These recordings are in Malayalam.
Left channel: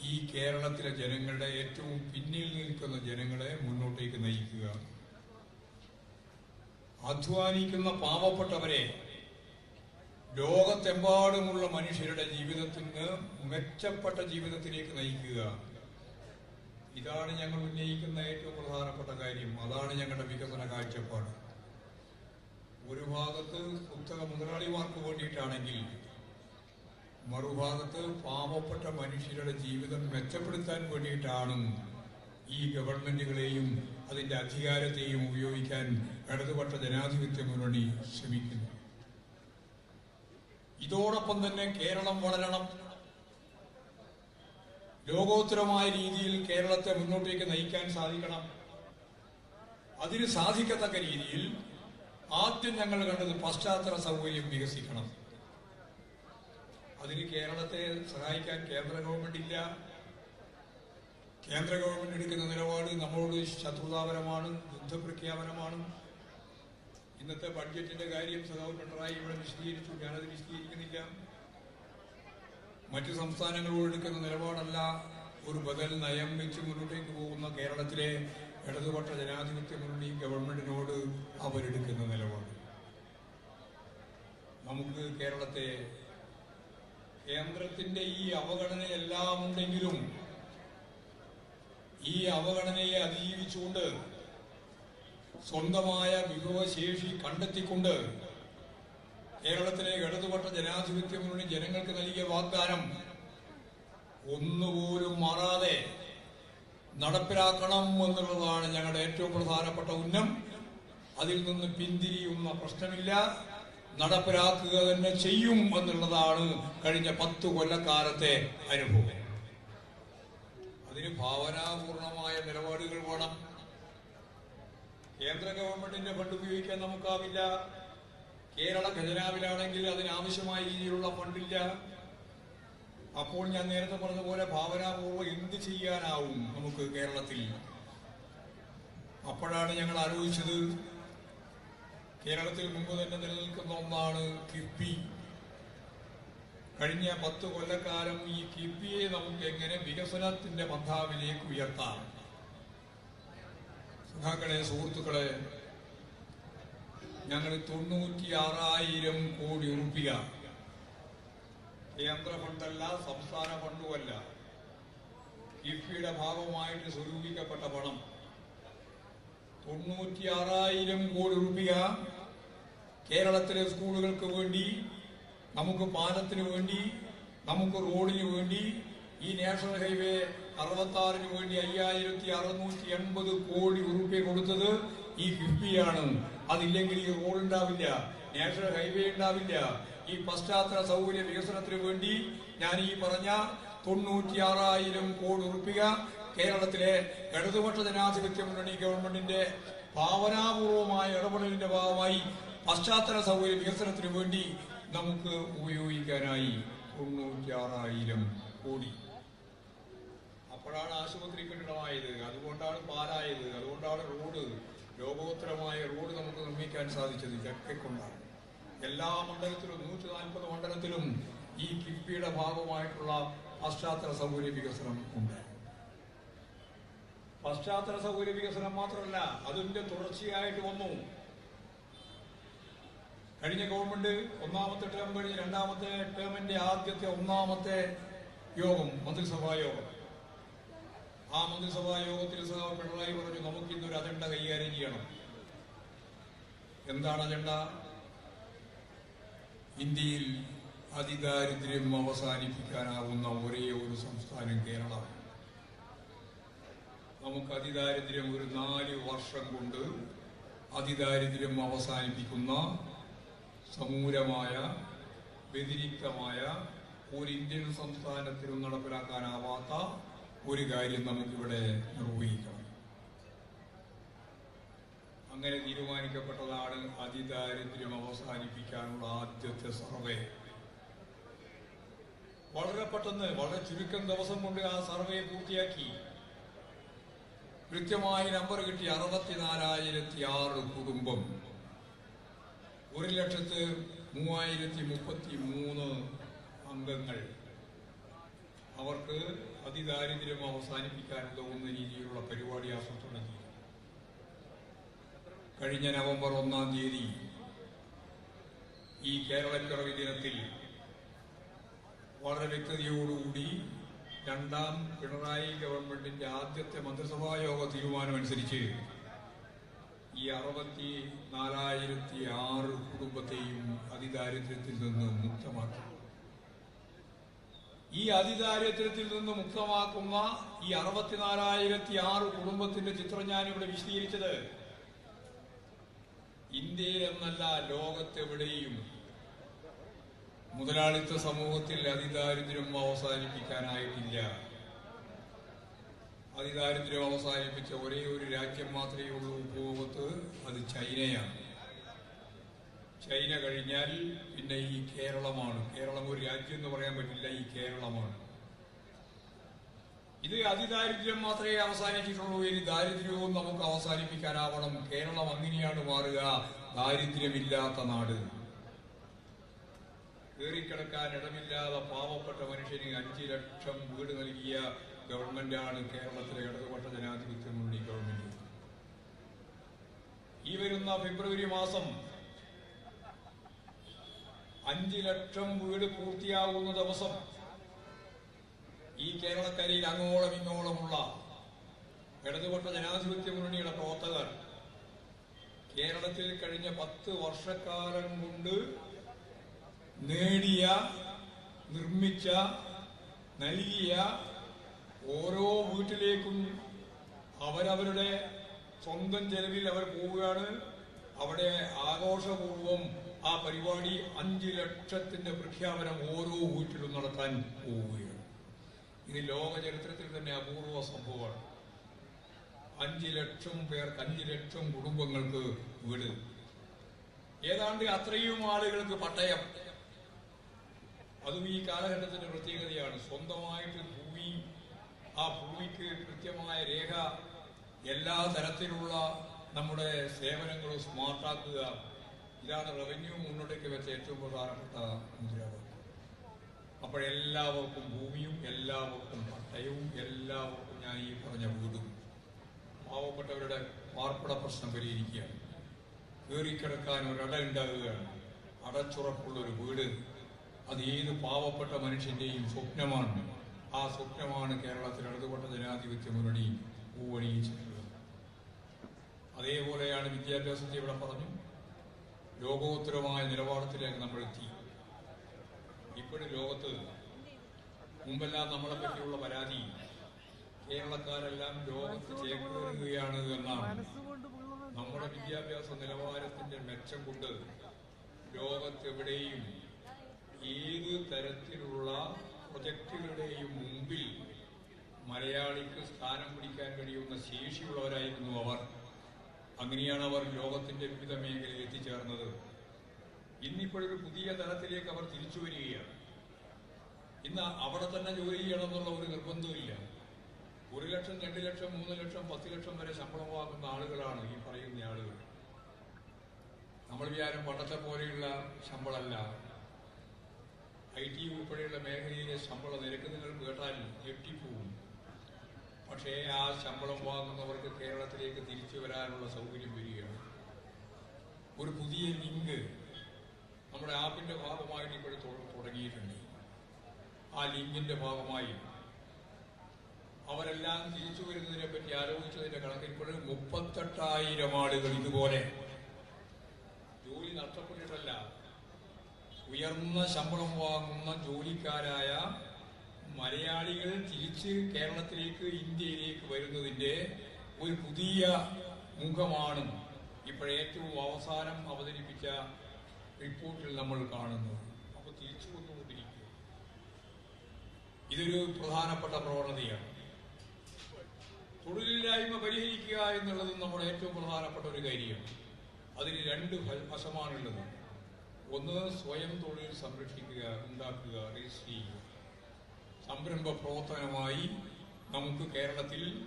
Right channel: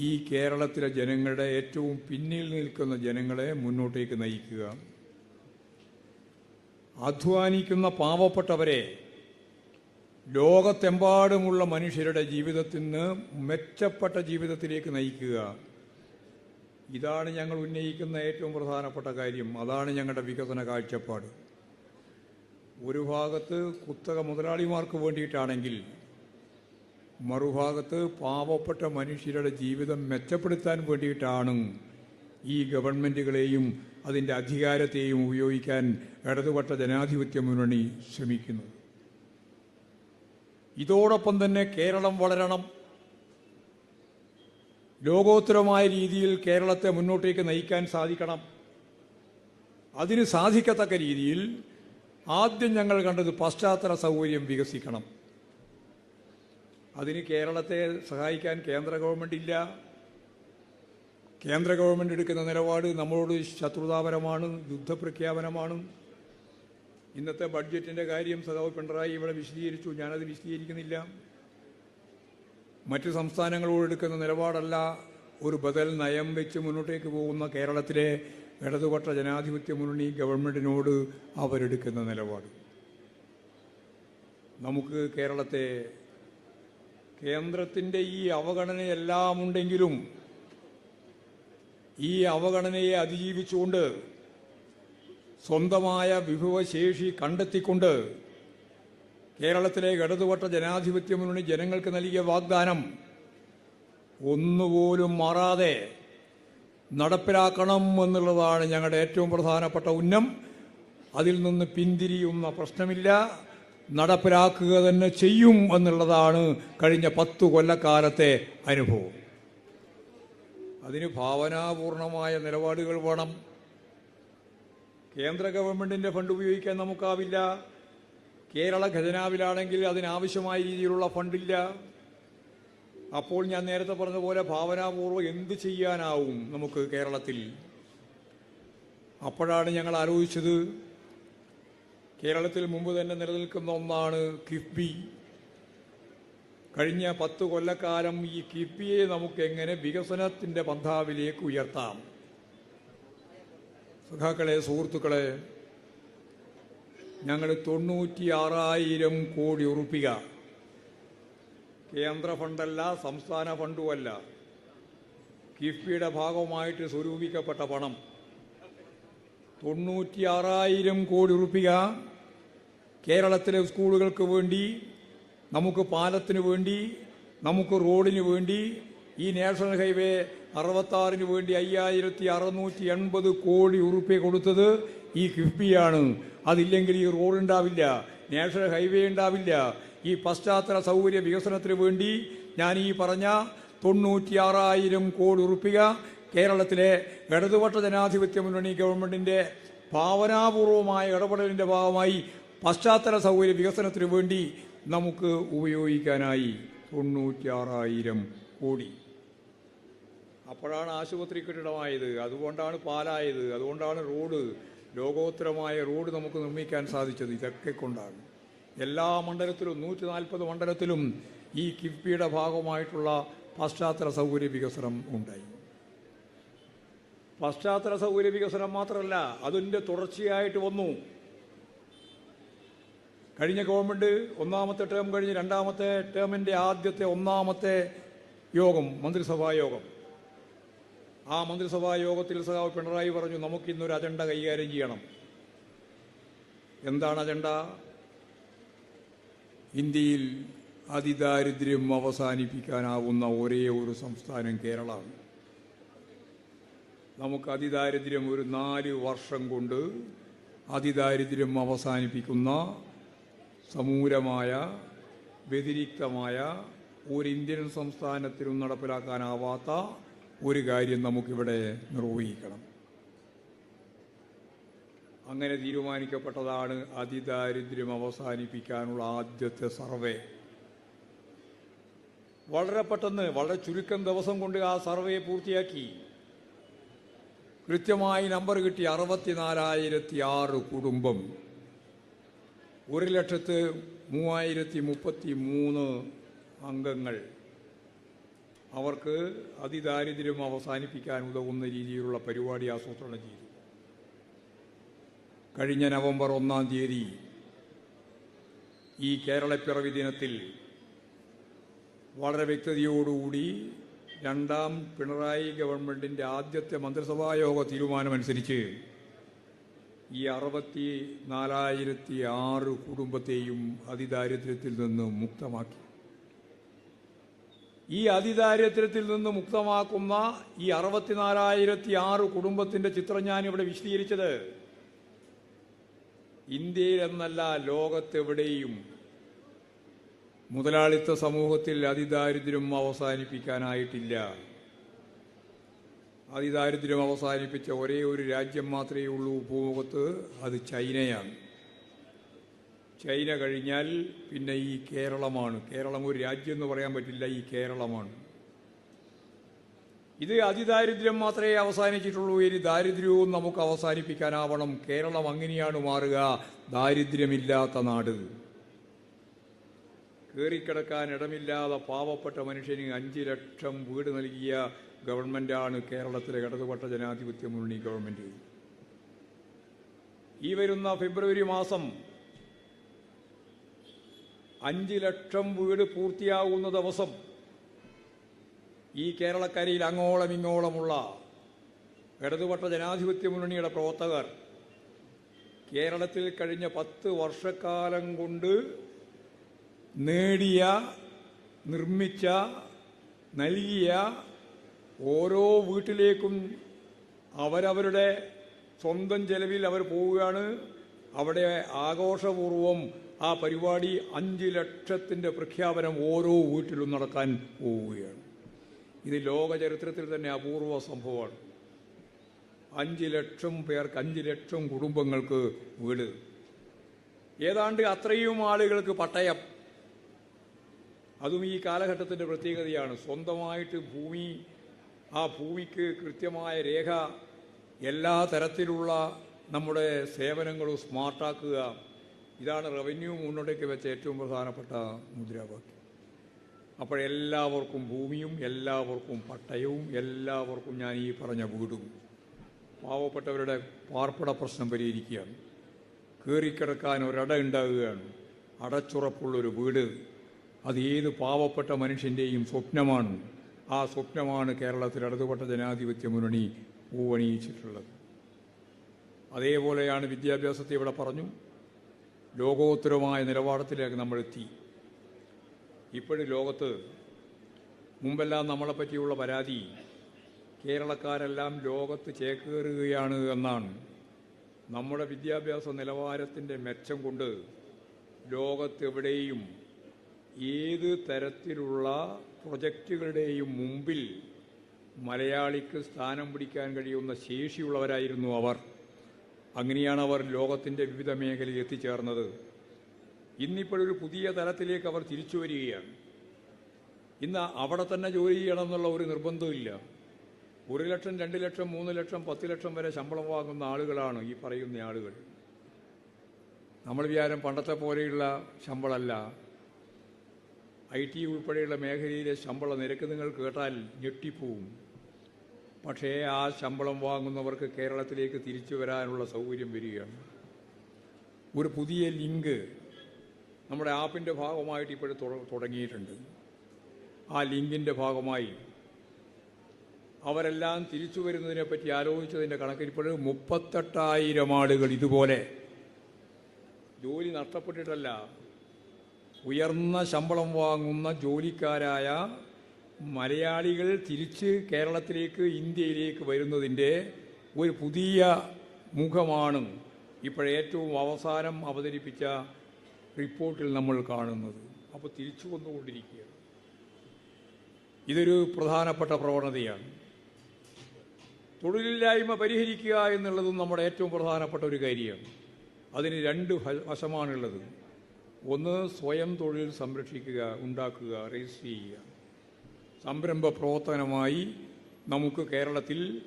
ഈ കേരളത്തിലെ ജനങ്ങളുടെ ഏറ്റവും പിന്നിൽ നിൽക്കുന്ന ജനങ്ങളെ മുന്നോട്ടേക്ക് നയിക്കുക. അധ്വാനിക്കുന്ന പാവപ്പെട്ടവരെ ലോകത്തെമ്പാടുമുള്ള മനുഷ്യരുടെ ജീവിതത്തിൽ നിന്ന് മെച്ചപ്പെട്ട ജീവിതത്തിലേക്ക് നയിക്കുക. ഇതാണ് ഞങ്ങൾ ഉന്നയിക്കുന്ന ഏറ്റവും പ്രധാനപ്പെട്ട കാര്യം. അതാണ് ഞങ്ങളുടെ വികസന കാഴ്ചപ്പാട്. ഒരു ഭാഗത്ത് കുത്തക മുതലാളിമാർക്ക് വേണ്ടിയിട്ടാണെങ്കിൽ മറുഭാഗത്ത് പാവപ്പെട്ട മനുഷ്യരുടെ ജീവിതം മെച്ചപ്പെടുത്താൻ വേണ്ടിയിട്ടാണ് ഈ ഗവൺമെന്റുകളെയും അതിന്റെ അധികാരത്തെയും ഉപയോഗിക്കാൻ ഇടതുപക്ഷ ജനാധിപത്യ മുന്നണി ശ്രമിക്കുന്നു. ഇതോടൊപ്പം തന്നെ കേരളം വളരണം. ലോകോത്തരമായ രീതിയിൽ കേരളത്തെ മുന്നോട്ടേക്ക് നയിക്കാൻ സാധിക്കണം. അതിന് സാധിക്കത്തക്ക രീതിയിൽ ആദ്യം ഞങ്ങൾ കണ്ടത് പശ്ചാത്തല സൗകര്യം വികസിക്കണം. അതിന് കേരളത്തെ സഹായിക്കാൻ കേന്ദ്ര ഗവൺമെന്റ് ഇല്ല. കേന്ദ്ര ഗവൺമെന്റ് എടുക്കുന്ന നിലപാട് നമ്മളോട് ശത്രുതാപരമാണ് യുദ്ധപ്രഖ്യാപനമാണ്. ഇന്നത്തെ ബഡ്ജറ്റിന്റെ കാര്യം സഖാവ് പിണറായി ഇവിടെ വിശദീകരിച്ചു. ഞാനത് വിശദീകരിക്കുന്നില്ല. മറ്റു സംസ്ഥാനങ്ങളോട് എടുക്കുന്ന നിലപാടല്ല. ഒരു ബദൽ നയം വെച്ച് മുന്നോട്ടേക്ക് പോകുന്ന കേരളത്തിലെ ഇടതുപക്ഷ ജനാധിപത്യ മുന്നണി ഗവൺമെന്റിനോട് അവരെടുക്കുന്ന നിലപാട്. നമുക്ക് കേരളത്തെ കേന്ദ്രത്തിന്റെ ഈ അവഗണനയെല്ലാം ഉണ്ടെങ്കിലും ഈ അവഗണനയെ അതിജീവിച്ചുകൊണ്ട് സ്വന്തമായ വിഭവശേഷി കണ്ടെത്തിക്കൊണ്ട് കേരളത്തിലെ ഇടതുപക്ഷ ജനാധിപത്യ മുന്നണി ജനങ്ങൾക്ക് നൽകിയ വാഗ്ദാനം ഒന്നുപോലും മാറാതെ നടപ്പിലാക്കണം എന്നുള്ളതാണ് ഞങ്ങളുടെ ഏറ്റവും പ്രധാനപ്പെട്ട ഉന്നം. അതിൽ നിന്ന് പിന്തിരിയുന്ന പ്രശ്നമില്ല. നടപ്പിലാക്കുക തന്നെ ചെയ്യും എന്നുള്ളതാണ് കഴിഞ്ഞ പത്തു കൊല്ലക്കാലത്തെ അനുഭവം. അതിന് ഭാവനാപൂർണമായ നിലപാടുകൾ വേണം. കേന്ദ്ര ഗവൺമെന്റിന്റെ ഫണ്ട് ഉപയോഗിക്കാൻ നമുക്കാവില്ല. കേരള ഖജനാവിലാണെങ്കിൽ അതിനാവശ്യമായ രീതിയിലുള്ള ഫണ്ടില്ല. അപ്പോൾ ഞാൻ നേരത്തെ പറഞ്ഞതുപോലെ പോലെ ഭാവനാപൂർവം എന്ത് ചെയ്യാനാവും നമുക്ക് കേരളത്തിൽ? അപ്പോഴാണ് ഞങ്ങൾ ആലോചിച്ചത് കേരളത്തിൽ മുമ്പ് തന്നെ നിലനിൽക്കുന്ന ഒന്നാണ് കിഫ്ബി. കഴിഞ്ഞ പത്ത് കൊല്ലക്കാലം ഈ കിഫ്ബിയെ നമുക്ക് എങ്ങനെ വികസനത്തിന്റെ ബന്ധാവിലേക്ക് ഉയർത്താം? സുഖാക്കളെ സുഹൃത്തുക്കളെ ഞങ്ങൾ തൊണ്ണൂറ്റി ആറായിരം കോടി ഉറുപ്പിക. കേന്ദ്ര ഫണ്ടല്ല സംസ്ഥാന ഫണ്ടുമല്ല. കിഫ്ബിയുടെ ഭാഗമായിട്ട് സ്വരൂപിക്കപ്പെട്ട പണം തൊണ്ണൂറ്റി ആറായിരം കോടി ഉറുപ്പിക. കേരളത്തിലെ സ്കൂളുകൾക്ക് വേണ്ടി നമുക്ക് പാലത്തിന് വേണ്ടി നമുക്ക് റോഡിന് വേണ്ടി ഈ നാഷണൽ ഹൈവേ അറുപത്തി ആറിന് വേണ്ടി അയ്യായിരത്തി അറുന്നൂറ്റി എൺപത് കോടി ഉറുപ്പ്യ കൊടുത്തത് ഈ കിഫ്ബിയാണ്. അതില്ലെങ്കിൽ ഈ റോഡ് ഉണ്ടാവില്ല നാഷണൽ ഹൈവേ ഉണ്ടാവില്ല. ഈ പശ്ചാത്തല സൗകര്യ വികസനത്തിന് വേണ്ടി ഞാൻ ഈ പറഞ്ഞ തൊണ്ണൂറ്റിയാറായിരം കോടി ഉറുപ്പിക കേരളത്തിലെ ഇടതുപക്ഷ ജനാധിപത്യ മുന്നണി ഗവൺമെന്റിന്റെ ഭാവനാപൂർവമായ ഇടപെടലിന്റെ ഭാഗമായി പശ്ചാത്തല സൗകര്യ വികസനത്തിന് വേണ്ടി നമുക്ക് ഉപയോഗിക്കാനായി തൊണ്ണൂറ്റിയാറായിരം കോടി. അപ്പോഴാണ് ആശുപത്രി കെട്ടിടമായത്. അതുകൊണ്ടാണ് പാലായത്. അതുകൊണ്ടാണ് റോഡ്. ലോകോത്തരമായ റോഡ് നമുക്ക് നിർമ്മിക്കാൻ സാധിച്ചത്. ഇതൊക്കെ കൊണ്ടാണ്. എല്ലാ മണ്ഡലത്തിലും നൂറ്റി നാൽപ്പത് മണ്ഡലത്തിലും ഈ കിഫ്ബിയുടെ ഭാഗമായിട്ടുള്ള പശ്ചാത്തല സൗകര്യ വികസനം ഉണ്ട്. പശ്ചാത്തല സൗകര്യ വികസനം മാത്രമല്ല അതിന്റെ തുടർച്ചയായിട്ട് വന്നു. കഴിഞ്ഞ ഗവൺമെന്റ് ഒന്നാമത്തെ ടേം കഴിഞ്ഞ് രണ്ടാമത്തെ ടേമിന്റെ ആദ്യത്തെ ഒന്നാമത്തെ യോഗം മന്ത്രിസഭാ യോഗം. ആ മന്ത്രിസഭാ യോഗത്തിൽ സഹാവ് പിണറായി പറഞ്ഞു നമുക്ക് ഇന്നൊരു അജണ്ട കൈകാര്യം ചെയ്യണം. എന്താണ് അജണ്ട ഇന്ത്യയിൽ അതിദാരിദ്ര്യം അവസാനിപ്പിക്കാനാവുന്ന ഒരേ ഒരു സംസ്ഥാനം കേരളമാണ്. നമുക്ക് അതിദാരിദ്ര്യം ഒരു നാല് വർഷം കൊണ്ട് അതിദാരിദ്ര്യം അവസാനിപ്പിക്കുന്ന സമൂലമായ വ്യതിരിക്തമായ ഒരു ഇന്ത്യൻ സംസ്ഥാനത്തിനും നടപ്പിലാക്കാനാവാത്ത ഒരു കാര്യം നമുക്കിവിടെ നിർവഹിക്കണം. അങ്ങനെ തീരുമാനിക്കപ്പെട്ടതാണ് അതിദാരിദ്ര്യം അവസാനിപ്പിക്കാനുള്ള ആദ്യത്തെ സർവേ. വളരെ പെട്ടെന്ന് വളരെ ചുരുക്കം ദിവസം കൊണ്ട് ആ സർവേ പൂർത്തിയാക്കി. കൃത്യമായി നമ്പർ കിട്ടി അറുപത്തിനാലായിരത്തി ആറ് കുടുംബം. ഒരു ലക്ഷത്ത് മൂവായിരത്തി മുപ്പത്തി മൂന്ന് അംഗങ്ങൾ അവർക്ക് അതിദാരിദ്ര്യം അവസാനിപ്പിക്കാനുള്ള ഒന്ന് രീതിയിലുള്ള പരിപാടി ആസൂത്രണം ചെയ്തു. കഴിഞ്ഞ നവംബർ ഒന്നാം തീയതി ഈ കേരളപ്പിറവി ദിനത്തിൽ വളരെ വ്യക്തതയോടുകൂടി രണ്ടാം പിണറായി ഗവൺമെന്റിന്റെ ആദ്യത്തെ മന്ത്രിസഭാ യോഗ തീരുമാനമനുസരിച്ച് ഈ അറുപത്തി നാലായിരത്തി ആറ് കുടുംബത്തെയും അതിദാരിദ്ര്യത്തിൽ നിന്ന് മുക്തമാക്കി. ഈ അതിദാരിദ്ര്യത്തിൽ നിന്ന് മുക്തമാക്കുന്ന ഈ അറുപത്തിനാലായിരത്തി ആറ് കുടുംബത്തിന്റെ ചിത്രം ഞാൻ ഇവിടെ വിശദീകരിച്ചത്. ഇന്ത്യയിൽ എന്നല്ല ലോകത്തെവിടെയും മുതലാളിത്ത സമൂഹത്തിൽ അതിദാരിദ്ര്യം അവസാനിപ്പിക്കാനായിട്ടില്ല. അതിദാരിദ്ര്യം അവസാനിപ്പിച്ച ഒരേ ഒരു രാജ്യം മാത്രമേ ഉള്ളൂ ഭൂമുഖത്ത് അത് ചൈനയാണ്. ചൈന കഴിഞ്ഞാൽ പിന്നെ ഈ കേരളമാണ്. കേരളം ഒരു രാജ്യം എന്ന് പറയാൻ പറ്റില്ല ഈ കേരളമാണ്. ഇത് അതിദാരിദ്ര്യം മാത്രമേ അവസാനിച്ചിട്ടുള്ളൂ ഇനി ദാരിദ്ര്യവും നമുക്ക് അവസാനിപ്പിക്കാനാവണം. കേരളം അങ്ങനെയാണ് മാറുക ദാരിദ്ര്യമില്ലാത്ത നാട്. കയറിക്കിടക്കാൻ ഇടമില്ലാതെ പാവപ്പെട്ട മനുഷ്യന് അഞ്ചു ലക്ഷം വീട് നൽകിയ ഗവൺമെന്റാണ് കേരളത്തിലെ ഇടതുപക്ഷ ജനാധിപത്യ മുന്നണി ഗവൺമെന്റ്. ഈ വരുന്ന ഫെബ്രുവരി മാസം അഞ്ചു ലക്ഷം വീട് പൂർത്തിയാകുന്ന ദിവസം ഈ കേരളക്കരയിൽ അങ്ങോളം ഇങ്ങോളമുള്ള ഇടതുപക്ഷ ജനാധിപത്യ മുന്നണിയുടെ പ്രവർത്തകർ കേരളത്തിൽ കഴിഞ്ഞ പത്ത് വർഷക്കാലം കൊണ്ട് നേടിയ നിർമ്മിച്ച നൽകിയ ഓരോ വീട്ടിലേക്കും അവരവരുടെ സ്വന്തം ചെലവിൽ അവർ പോവുകയാണ്. അവിടെ ആഘോഷപൂർവം ആ പരിപാടി അഞ്ച് ലക്ഷത്തിന്റെ പ്രഖ്യാപനം ഓരോ വീട്ടിലും നടക്കാൻ പോവുകയാണ്. ഇത് ലോക ചരിത്രത്തിൽ തന്നെ അപൂർവ സംഭവമാണ്. അഞ്ച് ലക്ഷം പേർക്ക് അഞ്ച് ലക്ഷം കുടുംബങ്ങൾക്ക് വീട്. ഏതാണ്ട് അത്രയും ആളുകൾക്ക് പട്ടയം. അതും ഈ കാലഘട്ടത്തിന്റെ പ്രത്യേകതയാണ്. സ്വന്തമായിട്ട് ഭൂമി ആ ഭൂമിക്ക് കൃത്യമായ രേഖ എല്ലാ തരത്തിലുള്ള നമ്മുടെ സേവനങ്ങളും സ്മാർട്ടാക്കുക ഇതാണ് റവന്യൂ മുന്നോട്ടേക്ക് വെച്ച ഏറ്റവും പ്രധാനപ്പെട്ട മുദ്രാവാക്യം. അപ്പോഴെല്ലാവർക്കും ഭൂമിയും എല്ലാവർക്കും പട്ടയവും എല്ലാവർക്കും ഞാൻ ഈ പറഞ്ഞ വീടും. പാവപ്പെട്ടവരുടെ പാർപ്പിട പ്രശ്നം പരിഹരിക്കുകയാണ്. കയറിക്കിടക്കാൻ ഒരട ഉണ്ടാകുകയാണ്. അടച്ചുറപ്പുള്ളൊരു വീട് അത് ഏത് പാവപ്പെട്ട മനുഷ്യന്റെയും സ്വപ്നമാണ്. ആ സ്വപ്നമാണ് കേരളത്തിൽ ഇടതുപെട്ട ജനാധിപത്യ മുന്നണി പൂവണിയിച്ചിട്ടുള്ളത് അതേപോലെയാണ് വിദ്യാഭ്യാസത്തെ ഇവിടെ പറഞ്ഞു. ലോകോത്തരമായ നിലവാരത്തിലേക്ക് നമ്മൾ എത്തി ഇപ്പോഴും ലോകത്ത് മുമ്പെല്ലാം നമ്മളെ പറ്റിയുള്ള പരാതി കേരളക്കാരെല്ലാം ലോകത്ത് ചേക്കേറുകയാണ് എന്നാണ്. നമ്മുടെ വിദ്യാഭ്യാസ നിലവാരത്തിന്റെ മെച്ചം കൊണ്ട് ലോകത്തെവിടെയും ഏത് തരത്തിലുള്ള പ്രൊജക്റ്റുകളുടെയും മുമ്പിൽ മലയാളിക്ക് സ്ഥാനം പിടിക്കാൻ കഴിയുന്ന ശേഷിയുള്ളവരായിരുന്നു അവർ. അങ്ങനെയാണ് അവർ ലോകത്തിന്റെ വിവിധ മേഖലയിൽ എത്തിച്ചേർന്നത്. ഇന്നിപ്പോഴൊരു പുതിയ തലത്തിലേക്ക് അവർ തിരിച്ചു വരികയാണ്. ഇന്ന് അവിടെ തന്നെ ജോലി ചെയ്യണം എന്നുള്ള ഒരു നിർബന്ധമില്ല ഒരു ലക്ഷം രണ്ട് ലക്ഷം മൂന്ന് ലക്ഷം പത്ത് ലക്ഷം വരെ ശമ്പളം വാങ്ങുന്ന ആളുകളാണ് ഈ പറയുന്ന ആളുകൾ. നമ്മൾ വിചാരം പണ്ടത്തെ പോലെയുള്ള ശമ്പളമല്ല. ഐ ടി ഉൾപ്പെടെയുള്ള മേഖലയിലെ ശമ്പള നിരക്ക് നിങ്ങൾ കേട്ടാൽ ഞെട്ടിപ്പോവും. പക്ഷേ ആ ശമ്പളം വാങ്ങുന്നവർക്ക് കേരളത്തിലേക്ക് തിരിച്ചു വരാനുള്ള സൗകര്യം വരികയാണ്. ഒരു പുതിയ ലിങ്ക് നമ്മുടെ ആപ്പിന്റെ ഭാഗമായിട്ട് ഇപ്പോൾ തുടങ്ങിയിട്ടുണ്ട്. ആ ലിങ്കിന്റെ ഭാഗമായി അവരെല്ലാം തിരിച്ചു വരുന്നതിനെ പറ്റി ആലോചിച്ചതിന്റെ കണക്കിൽ ഇപ്പോഴും മുപ്പത്തെട്ടായിരം ആളുകൾ ഇതുപോലെ ജോലി നഷ്ടപ്പെട്ടിട്ടല്ല ഉയർന്ന ശമ്പളം വാങ്ങുന്ന ജോലിക്കാരായ മലയാളികൾ തിരിച്ച് കേരളത്തിലേക്ക് ഇന്ത്യയിലേക്ക് വരുന്നതിന്റെ ഒരു പുതിയ മുഖമാണ് ഇപ്പോഴേറ്റവും അവസാനം അവതരിപ്പിച്ച റിപ്പോർട്ടിൽ നമ്മൾ കാണുന്നത്. അപ്പോൾ തിരിച്ചു വന്നുകൊണ്ടിരിക്കുക. ഇതൊരു പ്രധാനപ്പെട്ട പ്രവണതയാണ്. തൊഴിലില്ലായ്മ പരിഹരിക്കുക എന്നുള്ളതും നമ്മുടെ ഏറ്റവും പ്രധാനപ്പെട്ട ഒരു കാര്യമാണ്. അതിന് രണ്ട് വശമാണുള്ളത്. ഒന്ന് സ്വയം തൊഴിൽ സംരക്ഷിക്കുക ഉണ്ടാക്കുക രജിസ്റ്റർ ചെയ്യുക. സംരംഭ പ്രവർത്തനമായി നമുക്ക് കേരളത്തിൽ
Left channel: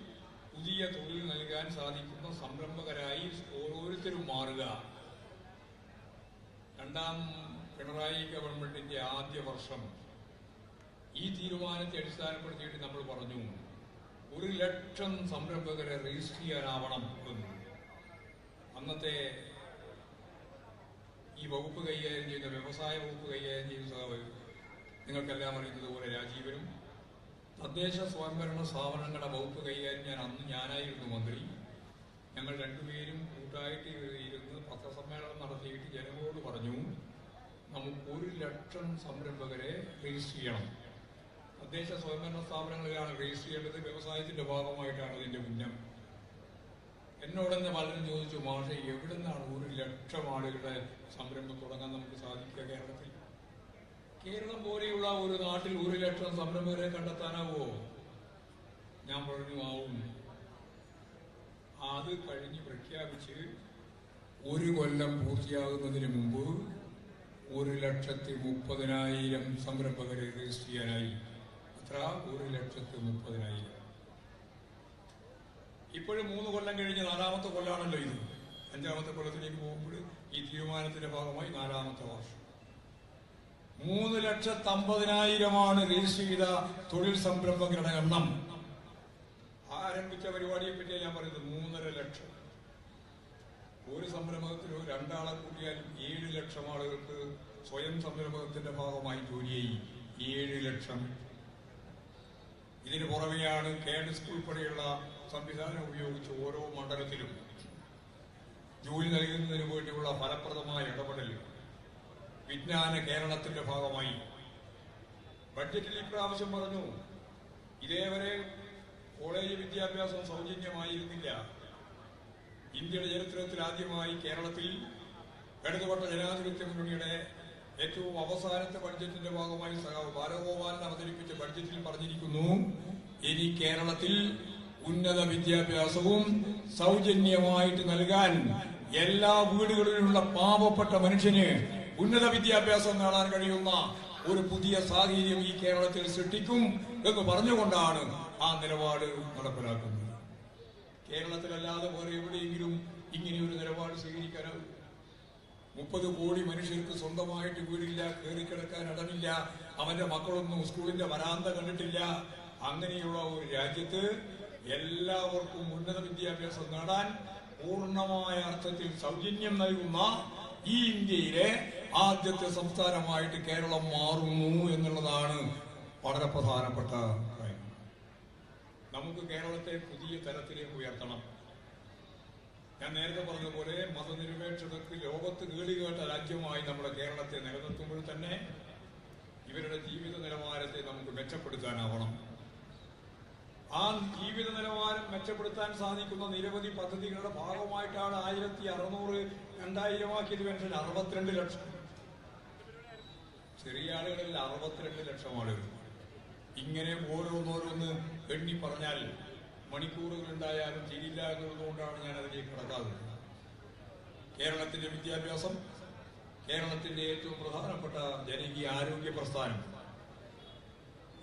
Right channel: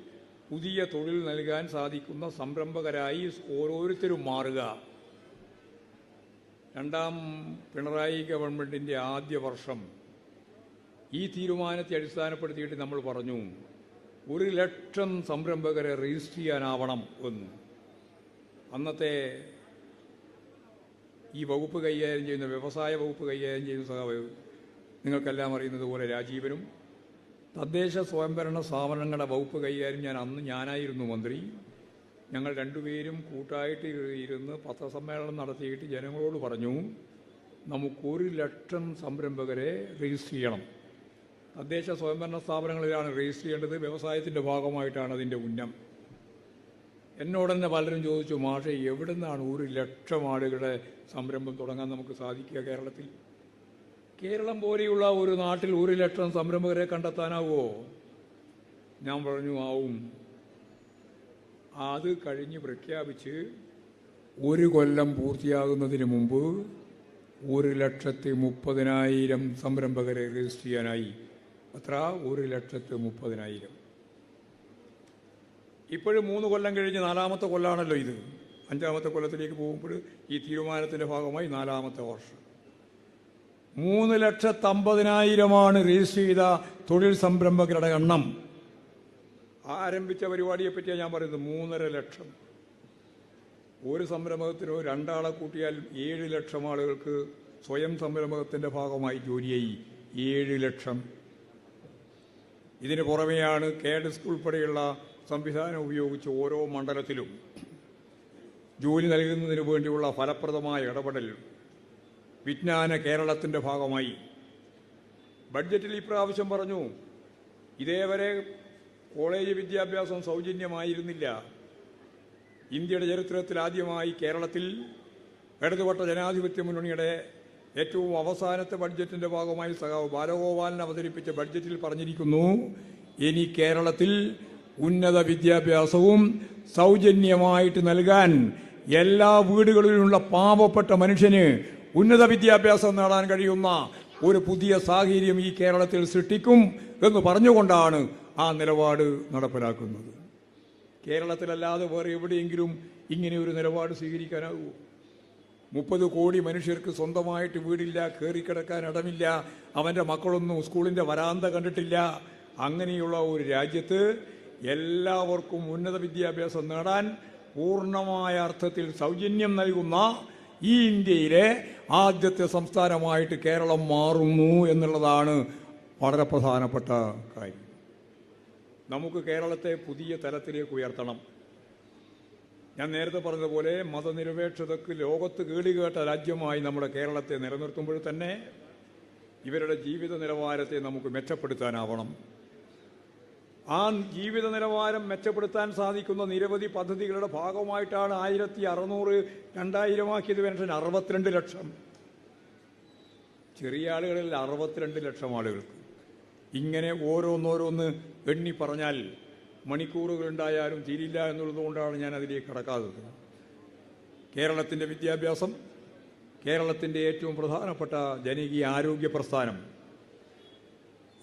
പുതിയ തൊഴിൽ നൽകാൻ സാധിക്കുന്ന സംരംഭകരായി ഓരോരുത്തരും മാറുക. രണ്ടാം പിണറായി ഗവൺമെന്റിന്റെ ആദ്യ വർഷം. ഈ തീരുമാനത്തെ അടിസ്ഥാനപ്പെടുത്തിയിട്ട് നമ്മൾ പറഞ്ഞു ഒരു ലക്ഷം സംരംഭകരെ രജിസ്റ്റർ ചെയ്യാനാവണം എന്ന്. അന്നത്തെ ഈ വകുപ്പ് കൈകാര്യം ചെയ്യുന്ന വ്യവസായ വകുപ്പ് കൈകാര്യം ചെയ്യുന്ന സഹാവ് നിങ്ങൾക്കെല്ലാം അറിയുന്നത് പോലെ രാജീവനും തദ്ദേശ സ്വയംഭരണ സ്ഥാപനങ്ങളുടെ വകുപ്പ് കൈകാര്യം ഞാൻ അന്ന് ഞാനായിരുന്നു മന്ത്രി. ഞങ്ങൾ രണ്ടുപേരും കൂട്ടായിട്ട് ഇരുന്ന് പത്രസമ്മേളനം നടത്തിയിട്ട് ജനങ്ങളോട് പറഞ്ഞു നമുക്കൊരു ലക്ഷം സംരംഭകരെ രജിസ്റ്റർ ചെയ്യണം. തദ്ദേശ സ്വയംഭരണ സ്ഥാപനങ്ങളിലാണ് രജിസ്റ്റർ ചെയ്യേണ്ടത്. വ്യവസായത്തിന്റെ ഭാഗമായിട്ടാണ് അതിന്റെ ഉന്നം. എന്നോട് തന്നെ പലരും ചോദിച്ചു മാഷെ എവിടുന്നാണ് ഒരു ലക്ഷം ആളുകളുടെ സംരംഭം തുടങ്ങാൻ നമുക്ക് സാധിക്കുക കേരളത്തിൽ? കേരളം പോലെയുള്ള ഒരു നാട്ടിൽ ഒരു ലക്ഷം സംരംഭകരെ കണ്ടെത്താനാവോ? ഞാൻ പറഞ്ഞു ആവും. അത് കഴിഞ്ഞ് പ്രഖ്യാപിച്ച് ഒരു കൊല്ലം പൂർത്തിയാകുന്നതിന് മുമ്പ് ഒരു ലക്ഷത്തി മുപ്പതിനായിരം സംരംഭകരെ രജിസ്റ്റർ ചെയ്യാനായി. അത്ര? ഒരു ലക്ഷത്തി മുപ്പതിനായിരം. ഇപ്പോഴും മൂന്ന് കൊല്ലം കഴിഞ്ഞ് നാലാമത്തെ കൊല്ലാണല്ലോ ഇത്. അഞ്ചാമത്തെ കൊല്ലത്തിലേക്ക് പോകുമ്പോൾ ഈ തീരുമാനത്തിന്റെ ഭാഗമായി നാലാമത്തെ വർഷം. മൂന്ന് ലക്ഷത്തമ്പതിനായിരമാണ് രജിസ്റ്റർ ചെയ്ത തൊഴിൽ സംരംഭകരുടെ എണ്ണം. ആരംഭിച്ച പരിപാടിയെ പറ്റിയാണ് ഞാൻ പറയുന്നത് മൂന്നര ലക്ഷം. ഒരു സംരംഭകത്തിനോ രണ്ടാളെ കൂട്ടിയാൽ ഏഴ് ലക്ഷം ആളുകൾക്ക് സ്വയം സംരംഭകത്തിന്റെ ഭാഗമായി ജോലിയായി. ഏഴ് ലക്ഷം. ഇതിന് പുറമെയാണ് സ്കൂൾ ഉൾപ്പെടെയുള്ള സംവിധാനം ഉപയോഗിച്ച് ഓരോ മണ്ഡലത്തിലും ജോലി നൽകുന്നതിന് വേണ്ടിയുള്ള ഫലപ്രദമായ ഇടപെടൽ വിജ്ഞാന കേരളത്തിന്റെ ഭാഗമായി. ബഡ്ജറ്റിൽ ഇപ്രാവശ്യം പറഞ്ഞു ഇതേവരെ കോളേജ് വിദ്യാഭ്യാസം സൗജന്യമായിരുന്നില്ല. ഇന്ത്യയുടെ ചരിത്രത്തിൽ ആദ്യമായി കേരളത്തിൽ ഇടതുപക്ഷ ജനാധിപത്യ മുന്നണിയുടെ ഏറ്റവും അവസാനത്തെ ബഡ്ജറ്റിന്റെ ഭാഗമായി സഖാവ് ബാലഗോപാലൻ അവതരിപ്പിച്ച ബഡ്ജറ്റിൽ പറഞ്ഞിരിക്കുന്നു ഇനി കേരളത്തിൽ ഉന്നത വിദ്യാഭ്യാസവും സൗജന്യമായിട്ട് നൽകാൻ എല്ലാ വീടുകളിലുമുള്ള പാവപ്പെട്ട മനുഷ്യന് ഉന്നത വിദ്യാഭ്യാസം നേടാൻ കഴിയുന്ന ഒരു പുതിയ സാഹചര്യം ഈ കേരളത്തിൽ സൃഷ്ടിക്കും എന്ന് പറഞ്ഞുകൊണ്ടാണ് ആ നിലപാട് നടപ്പിലാക്കുന്നത്. കേരളത്തിലല്ലാതെ വേറെ എവിടെയെങ്കിലും ഇങ്ങനെ ഒരു നിലപാട് സ്വീകരിക്കാനാകൂ മുപ്പത് കോടി മനുഷ്യർക്ക് സ്വന്തമായിട്ട് വീടില്ല കയറിക്കിടക്കാൻ ഇടമില്ല അവന്റെ മക്കളൊന്നും സ്കൂളിന്റെ വരാന്ത കണ്ടിട്ടില്ല. അങ്ങനെയുള്ള ഒരു രാജ്യത്ത് എല്ലാവർക്കും ഉന്നത വിദ്യാഭ്യാസം നേടാൻ പൂർണമായ അർത്ഥത്തിൽ സൗജന്യം നൽകുന്ന ഈ ഇന്ത്യയിലെ ആദ്യത്തെ സംസ്ഥാനമായിട്ട് കേരളം മാറുന്നു എന്നുള്ളതാണ് വളരെ പ്രധാനപ്പെട്ട കാര്യം. നമുക്ക് കേരളത്തെ പുതിയ തലത്തിലേക്ക് ഉയർത്തണം. ഞാൻ നേരത്തെ പറഞ്ഞതുപോലെ മതനിരപേക്ഷതക്ക് ലോകത്ത് കേളികേട്ട രാജ്യമായി നമ്മുടെ കേരളത്തെ നിലനിർത്തുമ്പോൾ തന്നെ ഇവരുടെ ജീവിത നിലവാരത്തെ നമുക്ക് മെച്ചപ്പെടുത്താനാവണം. ആ ജീവിത നിലവാരം മെച്ചപ്പെടുത്താൻ സാധിക്കുന്ന നിരവധി പദ്ധതികളുടെ ഭാഗമായിട്ടാണ് ആയിരത്തി അറുന്നൂറ് രണ്ടായിരമാക്കിയത് പെൻഷൻ അറുപത്തിരണ്ട് ലക്ഷം. ചെറിയ ആളുകളിൽ അറുപത്തിരണ്ട് ലക്ഷം ആളുകൾ. ഇങ്ങനെ ഓരോന്നോരോന്ന് എണ്ണി പറഞ്ഞാൽ മണിക്കൂറുകൾ ഉണ്ടായാലും തീരില്ല എന്നുള്ളതുകൊണ്ടാണ് ഞാൻ അതിലേക്ക് കടക്കാത്തത്. കേരളത്തിന്റെ വിദ്യാഭ്യാസം കേരളത്തിന്റെ ഏറ്റവും പ്രധാനപ്പെട്ട ജനകീയ ആരോഗ്യ പ്രസ്ഥാനം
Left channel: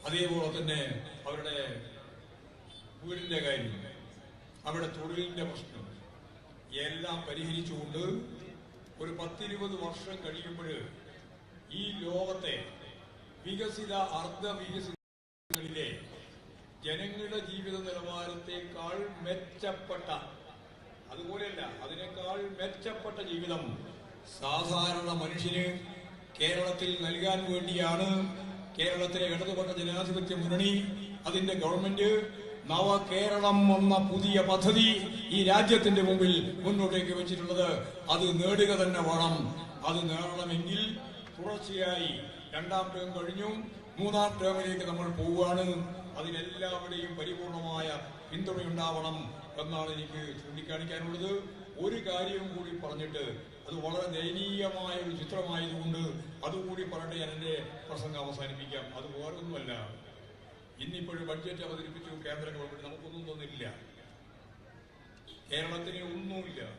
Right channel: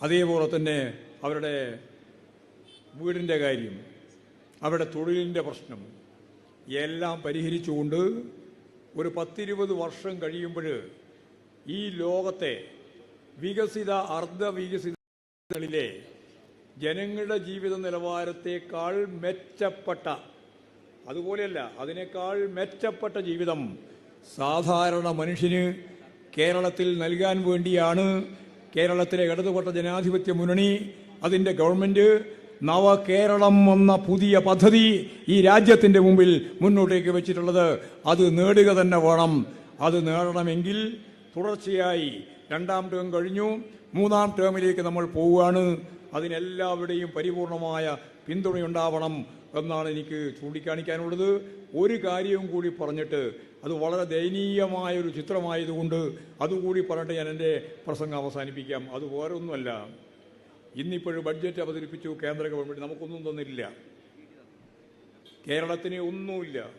അതേപോലെ തന്നെ അവരുടെ വീടിന്റെ കാര്യം അവിടെ തൊഴിലിന്റെ പ്രശ്നം. എല്ലാം പരിഹരിച്ചുകൊണ്ട് ഒരു പത്തിരുപത് വർഷം കഴിയുമ്പോൾ ഈ ലോകത്തെ വികസിത അർദ്ധ വികസിതങ്ങളിലെ ജനങ്ങളുടെ ജീവിത നിലവാരത്തെക്കാൾ മെച്ചപ്പെട്ട അതുപോലെയല്ല അതിനേക്കാൾ മെച്ചപ്പെട്ട ജീവിതം സാധാരണ മനുഷ്യന് കേരളത്തിൽ നൽകാൻ വേണ്ടിയാണ്. കേരളത്തിലെ ഇടതുപക്ഷ ജനാധിപത്യ മുന്നണി അതിന്റെ ഗവൺമെന്റ് നവകേരളം എന്ന പുതിയ പദ്ധതി ഈ രാജ്യത്തിന്റെ മുമ്പിൽ മുന്നോട്ടേക്ക് വെച്ചിട്ടുള്ളത്. അത് നേടുക തന്നെ വേണം. അത് നേടണമെങ്കിൽ തുടർച്ചയായി രണ്ടാം ടേം കഴിഞ്ഞു. മൂന്നാം ടേമിലേക്ക് നമ്മൾ പോവുകയാണ്. അതിനെല്ലാവരുടെയും പരിപൂർണമായ പിന്തുണയുണ്ടാവണം എന്നാണ് എനിക്ക് ചൂണ്ടിക്കാണിക്കാനുള്ളത്. ഒരു കാര്യവും കൂടി പറഞ്ഞിട്ട് അത് വളരെ ദയനീയമായ ഒരു ചിത്രമായതുകൊണ്ട് അതുകൂടി പറഞ്ഞിട്ട് ഞാൻ എന്റെ പ്രസംഗം അവസാനിപ്പിക്കാം. അത് വേറൊന്നുമല്ല. ഇന്നിപ്പോഴും ബഡ്ജറ്റ് അവതരിപ്പിച്ചു കേന്ദ്ര ഗവൺമെന്റ് നമുക്കൊന്നും തന്നില്ല കേരളത്തിന് ഒന്നുമില്ല.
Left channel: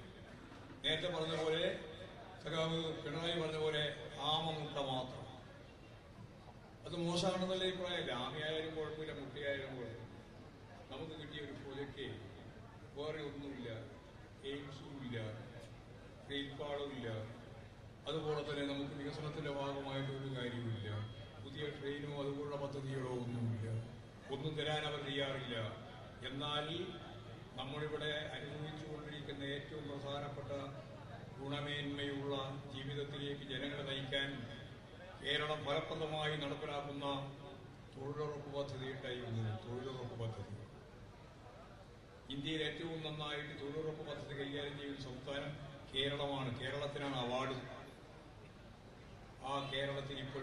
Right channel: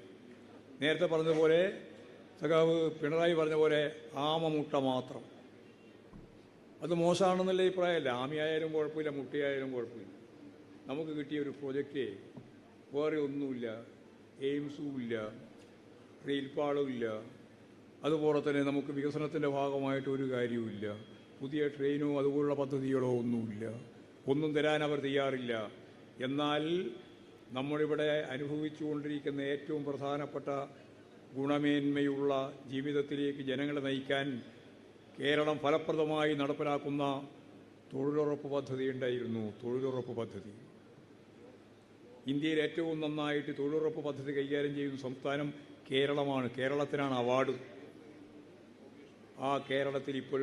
നേരത്തെ പറഞ്ഞതുപോലെ സഖാവ് പിണറായി പറഞ്ഞ പോലെ ആമമുട്ട മാത്രം. അത് മോശമാണെന്നുള്ള അഭിപ്രായമല്ല. ആമയായാലും കുഴപ്പമില്ല മുട്ടയായാലും കുഴപ്പമില്ല. നമുക്ക് കിട്ടിയ ഒരു പ്രോജക്റ്റ് വേറെ ഒന്നുമില്ല. എയിംസും ഇല്ല. റെയിൽപാളും ഇല്ല. അതുപോലെ തന്നെ നമുക്ക് വികസനത്തിന്റെ ഭാഗമായിട്ട് ഒരു കാര്യവുമില്ല പുതിയ ട്രെയിനോ അതുപോലുള്ള പദ്ധതികളോ ഒന്നുമില്ല. ഒന്നും തരാൻ അവർ തയ്യാറില്ല. എന്നാൽ നമ്മളിവിടെ അനുഭവിച്ചുകൊണ്ടിരിക്കുന്ന ഏറ്റവും പ്രധാനപ്പെട്ട ഗുണമേന്മയുള്ള ജീവിതത്തിലേക്ക് ജനങ്ങളെ നയിക്കാൻ കേരളം ഫലപ്രദമായി നടപ്പിലാക്കുന്ന തൊഴിലുറപ്പ് പദ്ധതി ഉണ്ടായിരുന്നു. തൊഴിലുറപ്പ് പദ്ധതി. ഇന്ത്യയിൽ ഏറ്റവും നന്നായിട്ട് തൊഴിലുറപ്പ് പദ്ധതി കൈകാര്യം ചെയ്യുന്ന സംസ്ഥാനം കേരളമാണ്. കേരളത്തിനാണ് അവാർഡ്. ആ കേരളത്തിൽ ഇപ്പോൾ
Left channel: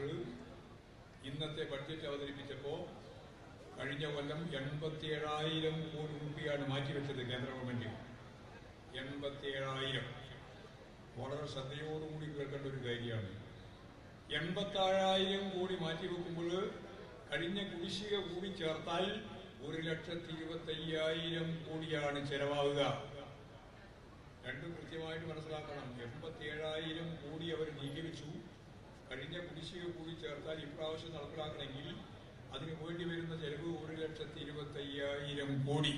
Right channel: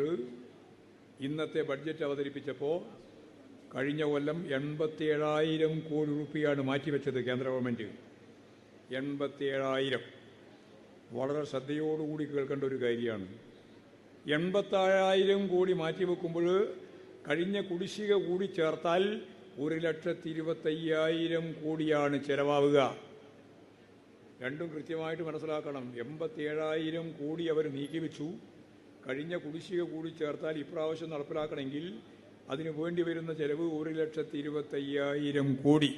ഇന്നത്തെ ബഡ്ജറ്റ് അവതരിപ്പിച്ചപ്പോൾ കഴിഞ്ഞ കൊല്ലം എൺപത്തി ഏഴായിരം കോടി രൂപയാണ് മാറ്റിവെച്ചത് കേന്ദ്ര ഗവൺമെന്റ്. എൺപത്തി ഏഴായിരം വളരെ ശ്രദ്ധയോടുകൂടി കേൾക്കേണ്ട ഒരു കാര്യമാണ്. എൺപത്താറായിരം കോടി മാറ്റിവെക്കുമ്പോൾ കഴിഞ്ഞ കുടിശ്ശിക കൂടി ചേർത്താൽ ഒരു ലക്ഷത്തി ഇരുപത്തയ്യായിരം കോടിയാണ് ചെലവാവുക. രണ്ടും കൃത്യമായിട്ട് മനസ്സിലാക്കണം. എൺപത്തി ഏഴായിരം കോടി അവർ നീക്കിവെച്ചു. കഴിഞ്ഞ കുടിശ്ശിക കൂടി ചേർത്താൽ ഇപ്രാവശ്യം നടപ്പിലാക്കണമെങ്കിൽ അതിനു വേണ്ടി വരുന്ന ചെലവ് ഒരു ലക്ഷത്തി ഇരുപത്തയ്യായിരം കോടി.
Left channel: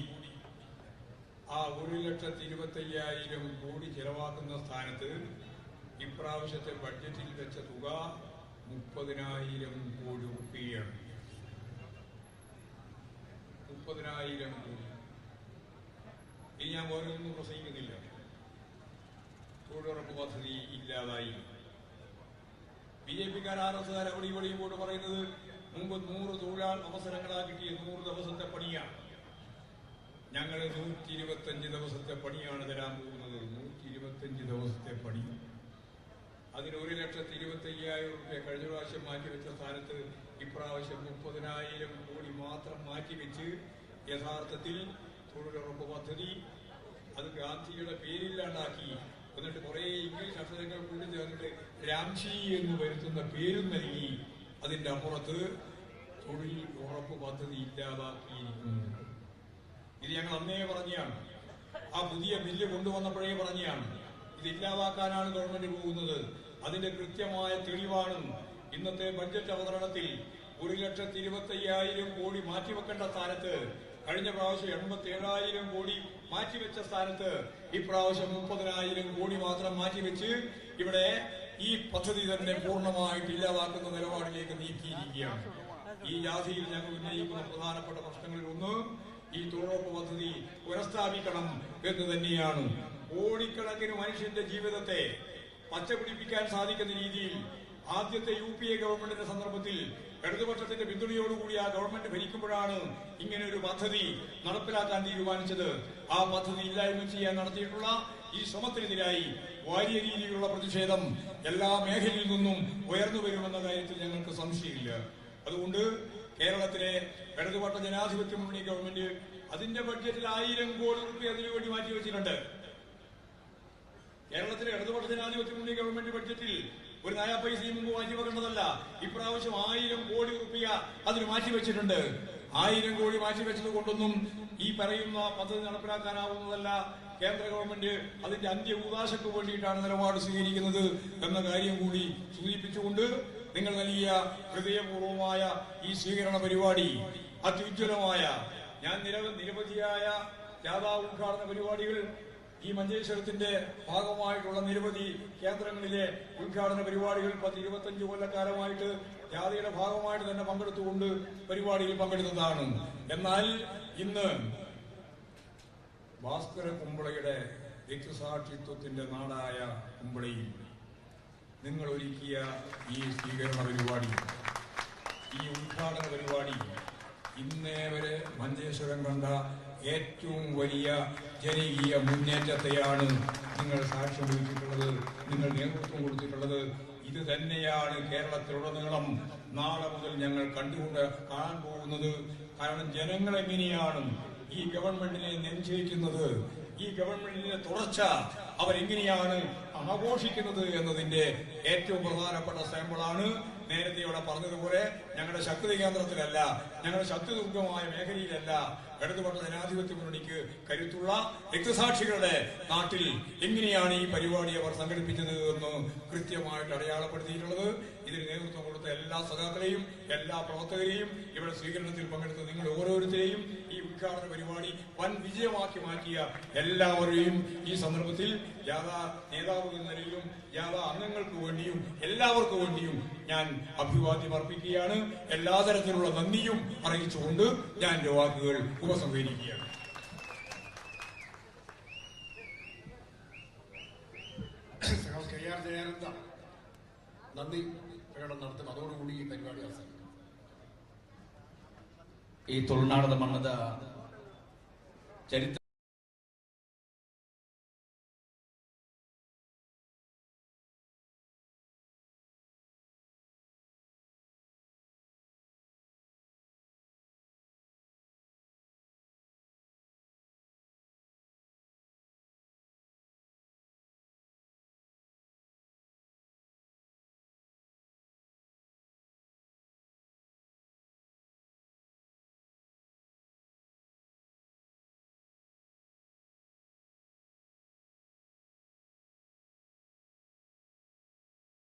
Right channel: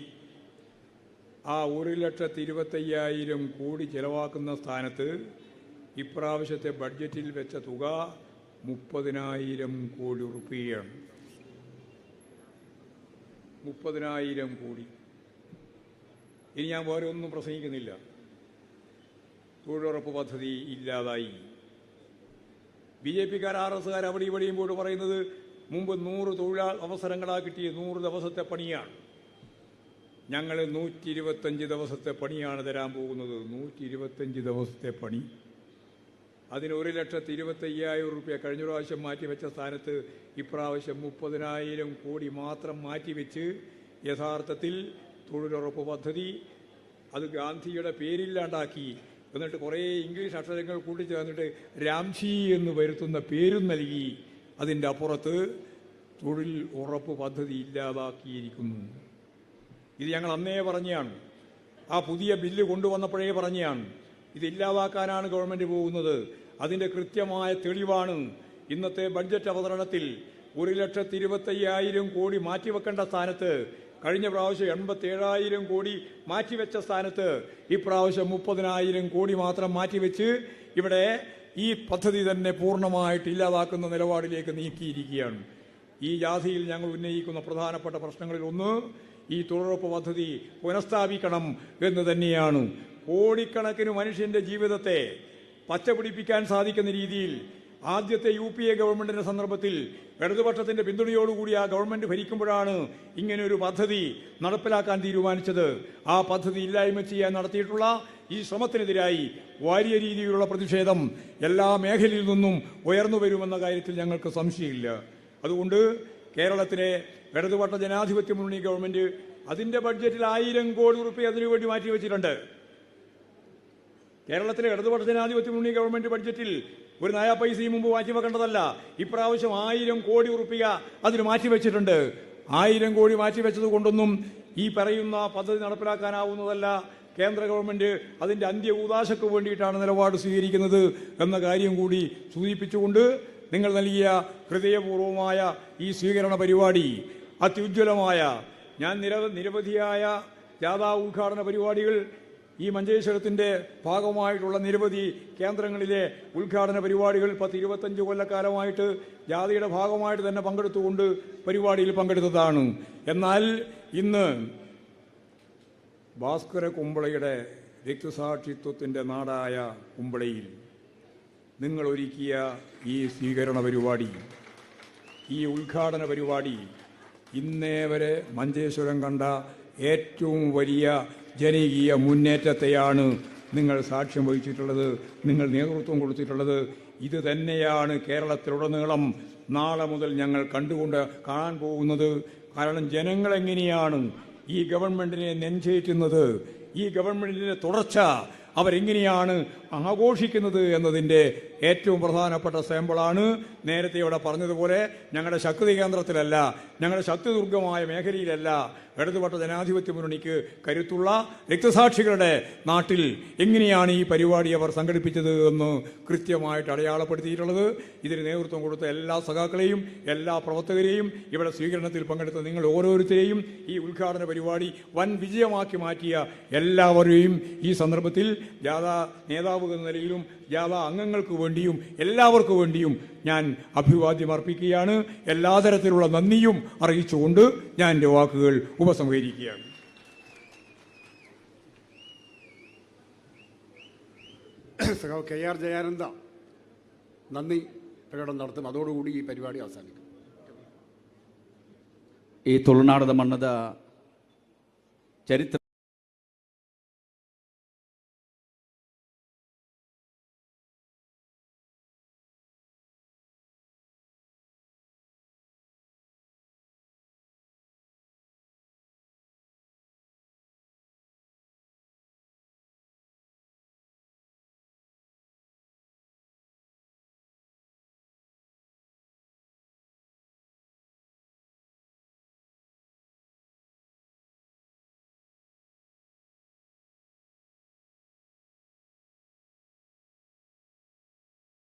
ആ ഒരു ലക്ഷത്തി ഇരുപത്തയ്യായിരം കോടി ചെലവാക്കുന്ന സ്ഥാനത്ത് ഇപ്രാവശ്യത്തെ ബഡ്ജറ്റിൽ വെച്ച തുക മുപ്പതിനായിരം കോടി റുപ്പിയാണ് മുപ്പതിനായിരം കോടി. ഇനി ഞാൻ ഓരോന്നും പ്രസംഗിക്കുന്നില്ല. തൊഴിലുറപ്പ് പദ്ധതി ഇല്ലാതായി. ബി ജെ പിക്കാർ ആർ എസുകാർ അവിടെ ഇവിടെയും കൂടെ പറയുന്നത് മുമ്പ് നൂറ് തൊഴിലാൾ അവസരങ്ങളാ കിട്ടിയ നൂറ് ദിവസത്തെ പണിയാണ്. ഞങ്ങൾ നൂറ്റി ഇരുപത്തഞ്ച് ദിവസത്തെ പണിയാണ് തരാൻ പോകുന്നത്. നൂറ്റി ഇരുപത്തഞ്ച് ദിവസത്തെ പണി. അതിന് ഒരു ലക്ഷത്തി ഇരുപത്തി അയ്യായിരം റുപ്യ കഴിഞ്ഞ പ്രാവശ്യം മാറ്റിവെച്ച സ്ഥാനത്ത് ഇപ്രാവശ്യം മുപ്പതിനായിരം കോടി മാത്രം മാറ്റിവെച്ച് യഥാർത്ഥത്തിൽ തൊഴിലുറപ്പ് പദ്ധതി അത് ഗാന്ധിയുടെ പേരില്ലാണ്ടാക്കി എന്നിട്ട് കുറേ ഇംഗ്ലീഷ് അക്ഷരങ്ങൾ കൂട്ടിച്ചേർന്നിട്ട് രാംജി എന്ന് വരുത്തുന്ന പേരും നൽകി. അതിന്റെ അപ്പുറത്ത് തൊഴിൽ ഉറപ്പ് പദ്ധതി ഇല്ലാതാക്കിയിരിക്കുന്നു. ഇത് ഞങ്ങൾ അന്നേ പറഞ്ഞാണ്. ആ പുതിയ ബില്ല് കൊണ്ടുവന്നപ്പോഴേ പറഞ്ഞാണ്. ഇത് ഇല്ലാതാക്കാനാണ് ഗവൺമെന്റ് പോകുന്നത്. അതിന്റെ കൃത്യമായ തെളിവാണ്. ഇന്നത്തെ ബഡ്ജറ്റ് അവതരണത്തിൽ ഒരു ലക്ഷത്തി ഇരുപത്തയ്യായിരം കോടി മാറ്റിവെക്കേണ്ട സ്ഥാനത്ത് കഴിഞ്ഞ പ്രാവശ്യം എൺപത്തി ഏഴായിരം കോടി മാറ്റിവെച്ച സ്ഥാനത്ത് ഇപ്രാവശ്യം മുപ്പതിനായിരം കോടി മാത്രം മാറ്റിവെച്ച് ഇവിടെ ഈ പദ്ധതി തന്നെ പൂർണമായിട്ട് ഇല്ലാതാക്കുന്ന നിലപാടിലേക്ക് നീക്കിയിരിക്കുകയാണ്. ഈ ജാഥയിൽ ഞങ്ങൾ ഉന്നയിക്കുന്ന പ്രധാനപ്പെട്ട പ്രശ്നങ്ങളിൽ ഒന്ന് ഈ തൊഴിലുറപ്പ് പദ്ധതി പുനഃസ്ഥാപിക്കണം എന്ന് തന്നെയാണ്. കോടിക്കണക്കിന് മനുഷ്യന്റെ ജീവിതത്തെ പച്ചപിടിപ്പിക്കാൻ സാധിക്കുന്ന രീതിയിൽ ആദ്യത്തെ യു പി എ ഗവൺമെന്റിന്റെ സന്ദർഭത്തിൽ ഇടതുപക്ഷത്തിന്റെ പിന്തുണയോടുകൂടി ആ ഗവൺമെന്റ് ഭരിക്കുമ്പോഴാണ് ഇങ്ങനെ ഒരു പദ്ധതി നടപ്പിലാക്കാൻ തീരുമാനിച്ചത്. ആ പദ്ധതി ഇല്ലായ്മ ചെയ്യാൻ നടത്തിയിട്ടുള്ള ഈ ശ്രമത്തിനെതിരായി വലിയ രീതിയിലുള്ള പ്രതിഷേധം എല്ലാ മേഖലയിൽ നിന്നും ഉയർന്നു വരുമെന്ന കാര്യത്തിൽ ഞങ്ങൾക്ക് സംശയമില്ല. അതുകൊണ്ട് കേരളത്തിലെ ഇടതുപക്ഷ ജനാധിപത്യ മുന്നണി ഗവൺമെന്റ് അതിന്റെ ബഡ്ജറ്റിൽ ആയിരം കോടി റുപ്യ അതിനുവേണ്ടി മാറ്റിവെച്ചിട്ടുണ്ട്. കേരളത്തിലെ ഇടതുപക്ഷ ജനാധിപത്യ മുന്നണി ഗവൺമെന്റ് ബഡ്ജറ്റിൽ ഒരു നയാ പൈസയും മുമ്പ് മാറ്റിവെക്കേണ്ടതല്ല ഇപ്രാവശ്യം ആയിരം കോടി ഉറപ്പിക അതിന് മാറ്റിവെച്ചിട്ടുണ്ട് ആയിരം കോടി മാറ്റിവെച്ചത് കൊണ്ടൊന്നും ഈ പറയുന്ന പദ്ധതി നടപ്പിലാക്കാനാവുന്നതല്ല. കേന്ദ്ര ഗവൺമെന്റ് അതിന്റെ അന്ത്യ ഉദാശക്ക് വേണ്ടിയിട്ടാണ് നിലപാട് സ്വീകരിക്കുന്നത് എന്ന കാര്യം കൂടി സൂചിപ്പിച്ചുകൊണ്ട് നിങ്ങൾ നൽകിയ ഹൃദയപൂർവമായ ഈ സ്വീകരണ പരിപാടി അത്യുജ്വലമായ ഞാൻ നിരവ നിരവധിയായ ജാഥാ ഉദ്ഘാടന പരിപാടികൾ ഈ മഞ്ചേശ്വരത്തിന്റെ ഭാഗമായിട്ടുള്ള നിരവധി കേന്ദ്രങ്ങളിലെ ഉദ്ഘാടന പരിപാടികൾ പത്ത് ഇരുപത്തഞ്ച് കൊല്ലക്കാലമായിട്ട് ജാതിയുടെ ഭാഗമായിട്ട് തന്നെ പങ്കെടുത്തുകൊണ്ട് പരിപാടിയിൽ പങ്കെടുത്തതാണ്. എന്നാൽ ഇന്ന് ഭാസ്കര കുമ്പളയുടെ രക്തസാക്ഷിത്വത്തിന്റെ നാടായ കുമ്പളയിൽ നിങ്ങൾ ഒരുക്കിയ ഈ സ്വീകരണ പരിപാടി ഈ ഉദ്ഘാടന പരിപാടി ഇന്നേ വരെ മഞ്ചേശ്വരം കണ്ട ഏറ്റവും വലിയ ജനകീയ മുന്നേറ്റത്തെയാണ് നിങ്ങൾ സാക്ഷ്യം വഹിച്ചിട്ടുള്ളത് നിങ്ങൾ നേതൃത്വം കൊടുത്തിട്ടുള്ളത്. ഇത് തന്നെയാണ് കേരളത്തിലുടനീളം നാളെ മുതൽ ഞങ്ങൾ കണ്ടുകൊണ്ട് കാണാൻ പോകുന്നത്. കാരണം ജനങ്ങൾ എങ്ങനെയാണ് ഈ ഗവൺമെന്റിനെ നിശ്ചയിക്കുന്നത്? ഈ ഗവൺമെന്റിന്റെ തുടർച്ച അവരെങ്ങനെയാണ് ആഘോഷിക്കുന്നത് എന്നതിന്റെ ഏറ്റവും പ്രധാനപ്പെട്ട സാമ്പിളാണ്. നേരത്തെ ഇവിടെ പറഞ്ഞതുപോലെ ഞങ്ങളുടെ ശക്തി കേന്ദ്രത്തിലല്ല ഞങ്ങളുടെ ശക്തി ദുർഗമായ മേഖലയിലല്ല ഇടതുപക്ഷ ജനാധിപത്യ മുന്നണിക്ക് കരുത്തുള്ള രക്തസാക്ഷികളുടെ നാട്ടിൽ എങ്ങനെയാണ് ഈ പരിപാടി അവർ സംഘടിപ്പിച്ചത് എന്ന് കൃത്യമായിട്ട് അടയാളപ്പെടുത്തിയിട്ടുള്ളത്. ഇതിന് നേതൃത്വം കൊടുത്ത എല്ലാ സഖാക്കളെയും എല്ലാ പ്രവർത്തകരെയും ഇവിടെ സ്വീകരണത്തിൽ പങ്കെടുത്ത നിങ്ങൾ ഓരോരുത്തരെയും ഈ ഉദ്ഘാടന പരിപാടി വൻ വിജയമാക്കി മാറ്റിയ എല്ലാവരെയും ഈ സന്ദർഭത്തിൽ ജാഥാ നേതാവ് കഴിയാവുന്ന നിലയിലും ജാഥ അംഗങ്ങൾക്ക് വേണ്ടിയും എല്ലാവർക്കും വേണ്ടിയും ഞാൻ അഭിവാദ്യം അർപ്പിക്കുകയാണ്. എല്ലാ തരത്തിലുള്ള നന്ദിയും അറിയിച്ചുകൊണ്ട് ഞാൻ എന്റെ വാക്കുകൾ ഉപസംഹരിക്കുകയാണ്. കെ ആർ ജയാനന്ദ നന്ദി പ്രകടനം നടത്തും അതോടുകൂടി ഈ പരിപാടി അവസാനിക്കും. ഈ തുളുനാടത മണ്ണത ചരിത്ര